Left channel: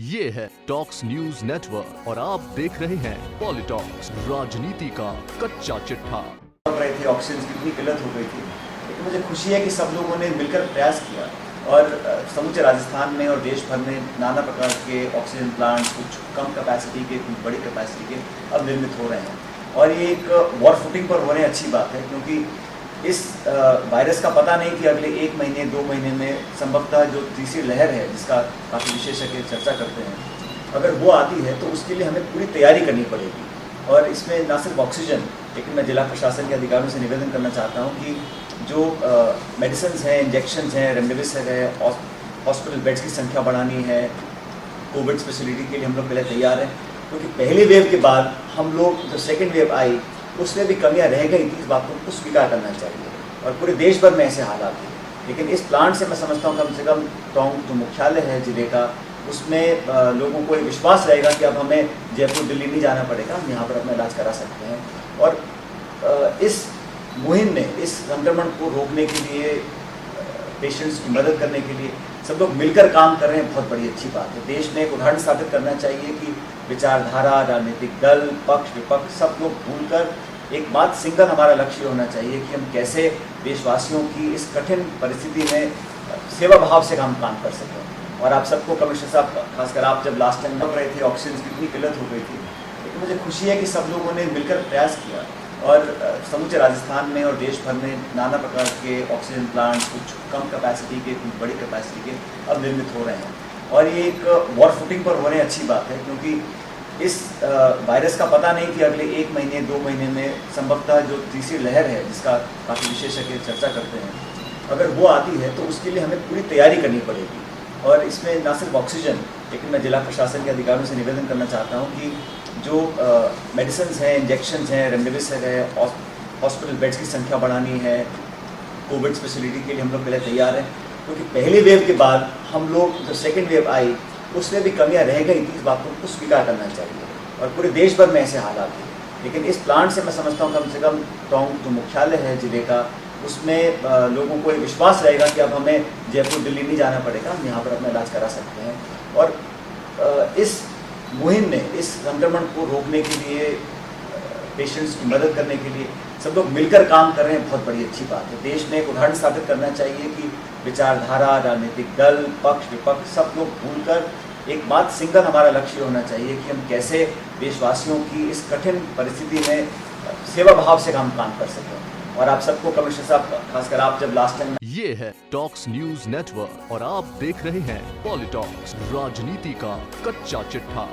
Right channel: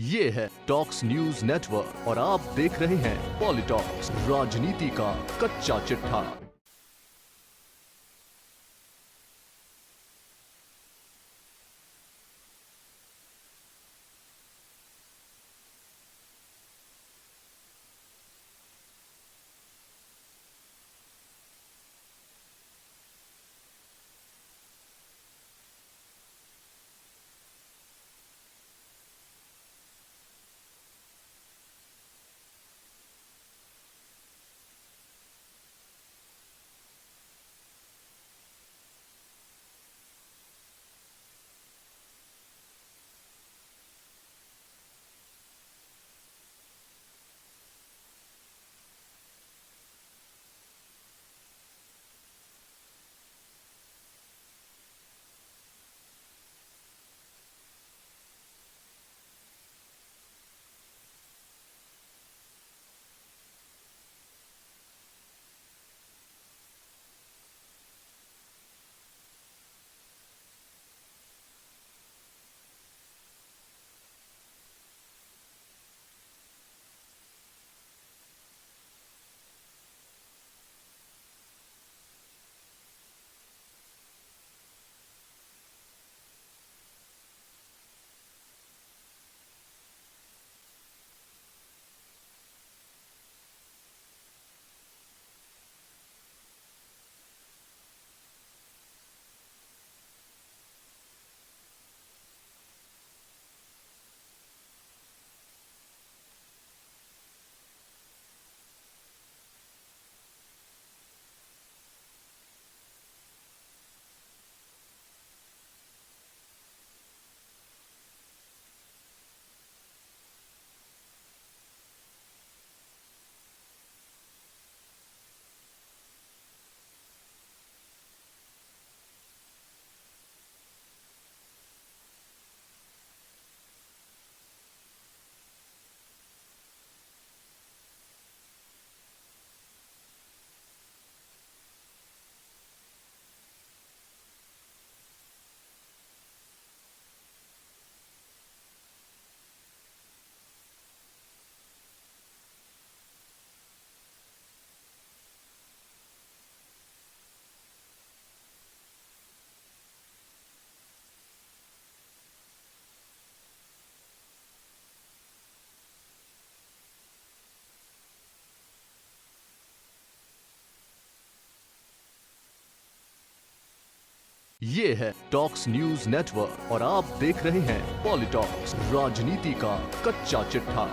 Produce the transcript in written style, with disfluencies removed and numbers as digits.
ये है talks news network और आप देख रहे हैं पॉलिटॉक्स, राजनीति का कच्चा चिट्ठा। रहे थे ऑक्सीजन की इतनी किल्लत हो गई थी, लेकिन मुझे खुशी है कि सब लोगों ने मिलकर प्रयास किया और समूचे राजस्थान में और देश भर में नाना प्रकार के ऑक्सीजन प्लांट्स, कुछ कम कैपेसिटी के, कुछ बड़ी कैपेसिटी के अब निर्मित हो रहे हैं। और ये एक वॉर फुटिंग पर हो रहे हैं, अच्छी बात है, क्योंकि इस वायरस का पता नहीं कि अगले 1 महीने 2 महीने में संभवतः जो तीसरी लहर है, जिसका काफ़ी विशेषज्ञ चर्चा करते हैं, अगर वो आती है तो उसके लिए हमें पूरी तैयारी करनी पड़ेगी। और इसमें ना सिर्फ ऑक्सीजन, लेकिन मैं जिला प्रशासन के अधिकारियों से निवेदन करना चाहता हूँ कि जो मेडिसिन हैं, इंजेक्शन हैं, रेमडेसिविर है, हॉस्पिटल बेड्स की संख्या बढ़ानी है, कोविड स्पेशलिटी के लिए हम लोग पहले तैयार हैं, क्योंकि पहली वेव के बाद हम लोग जो सेकेंड वेव आई उसमें भी कमियां रह गई थी। इस बात को स्वीकार करना चाहिए और पूरे देश भर में ऐसे हालात हैं। लेकिन इस प्लांट से मैं समझता हूँ कम से कम टोंक जो मुख्यालय है जिले का, उसमें लोगों को एक विश्वास रहेगा कि अब हमें जयपुर दिल्ली नहीं जाना पड़ेगा, हम यहाँ पर अपना इलाज करा सकते हैं। और इस मुहिम में इस संक्रमण को रोकने के लिए, पेशेंट्स की मदद करने के लिए सब लोग मिलकर काम कर रहे हैं, बहुत बड़ी अच्छी बात है। देश ने एक उदाहरण स्थापित करना चाहिए कि विचारधारा, राजनीतिक दल, पक्ष विपक्ष सब लोग भूलकर एकमात्र सिंगल हमारा लक्ष्य होना चाहिए कि हम कैसे देशवासियों की इस कठिन परिस्थिति में सेवा भाव से हम काम कर सकें। और आप सबको, कमिश्नर साहब खासकर आप जब लास्ट टाइम लग रहे थे, ऑक्सीजन की इतनी किल्लत हो गई थी, लेकिन मुझे खुशी है कि सब लोगों ने मिलकर प्रयास किया और समूचे राजस्थान में और देश भर में नाना प्रकार के ऑक्सीजन प्लांट्स, कुछ कम कैपेसिटी के, कुछ बड़ी कैपेसिटी के अब निर्मित हो रहे हैं। और ये एक वॉर फुटिंग पर हो रहे हैं, अच्छी बात है, क्योंकि इस वायरस का पता नहीं कि अगले 1 महीने 2 महीने में संभवतः जो तीसरी लहर है, जिसका काफ़ी विशेषज्ञ चर्चा करते हैं, अगर वो आती है तो उसके लिए हमें पूरी तैयारी करनी पड़ेगी। और इसमें ना सिर्फ ऑक्सीजन, लेकिन मैं जिला प्रशासन के अधिकारियों से निवेदन करना चाहता हूँ कि जो मेडिसिन हैं, इंजेक्शन हैं, रेमडेसिविर है, हॉस्पिटल बेड्स की संख्या बढ़ानी है, कोविड स्पेशलिटी के लिए हम लोग पहले तैयार हैं, क्योंकि पहली वेव के बाद हम लोग जो सेकेंड वेव आई उसमें भी कमियां रह गई थी। इस बात को स्वीकार करना चाहिए और पूरे देश भर में ऐसे हालात हैं। लेकिन इस प्लांट से मैं समझता हूँ कम से कम टोंक जो मुख्यालय है जिले का, उसमें लोगों को एक विश्वास रहेगा कि अब हमें जयपुर दिल्ली नहीं जाना पड़ेगा, हम यहाँ पर अपना इलाज करा सकते हैं। और इस मुहिम में इस संक्रमण को रोकने के लिए, पेशेंट्स की मदद करने के लिए सब लोग मिलकर काम कर रहे हैं, बहुत बड़ी अच्छी बात है। देश ने एक उदाहरण स्थापित करना चाहिए कि विचारधारा, राजनीतिक दल, पक्ष विपक्ष सब लोग भूलकर एकमात्र सिंगल हमारा लक्ष्य होना चाहिए कि हम कैसे देशवासियों की इस कठिन परिस्थिति में सेवा भाव से हम काम कर सकें। और आप सबको, कमिश्नर साहब खासकर आप जब लास्ट टाइम। ये है टॉक्स न्यूज नेटवर्क और आप देख रहे हैं पॉलिटॉक्स, राजनीति का कच्चा चिट्ठा।